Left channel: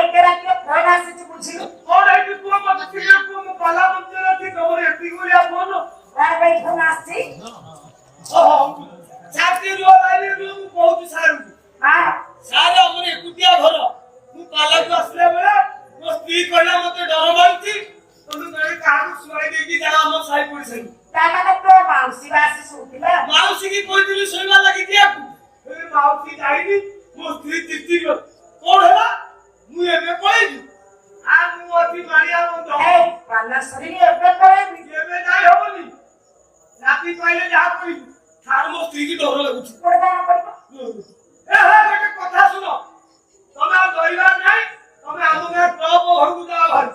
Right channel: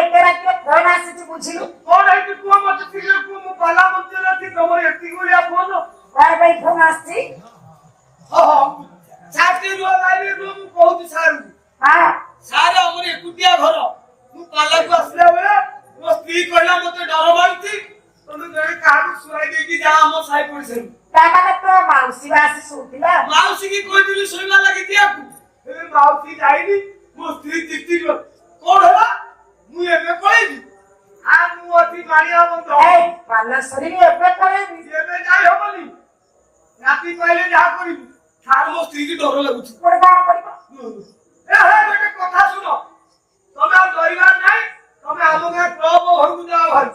एते रात फोन आसी बुझिलु कोन आइति पुआ मते तिले पुआ मो बाला मंजरा थी तमर एति Gulia phone bye bye phone आसी ओहो चाकरी रो लाइने रो मु कहूती सारू हां सारे हमर एकुटिया घर मु पाला को आसले बेले मो स्त्री कहला मते डर मानती तमे गई कारू सुराई देकी जा हम साई पड़िसे ताना तो माउसी आसी सुतिला माउसी की कहतिली सोइबा लागि दियाकू ए माउसी जाईनी मो स्त्री तिती कोन होला मु एबे कहली आ मु अति मारिया बंद ए पाला सरी रे एबे करे एबे जाई होबली राती पहले जा करी थार मो स्त्री की डर लागुची पड़दा करतो ए हे बेटे कथा सुनो तमे आ डरिबार नाही तमे आमो के प्रभु घरकु जाओ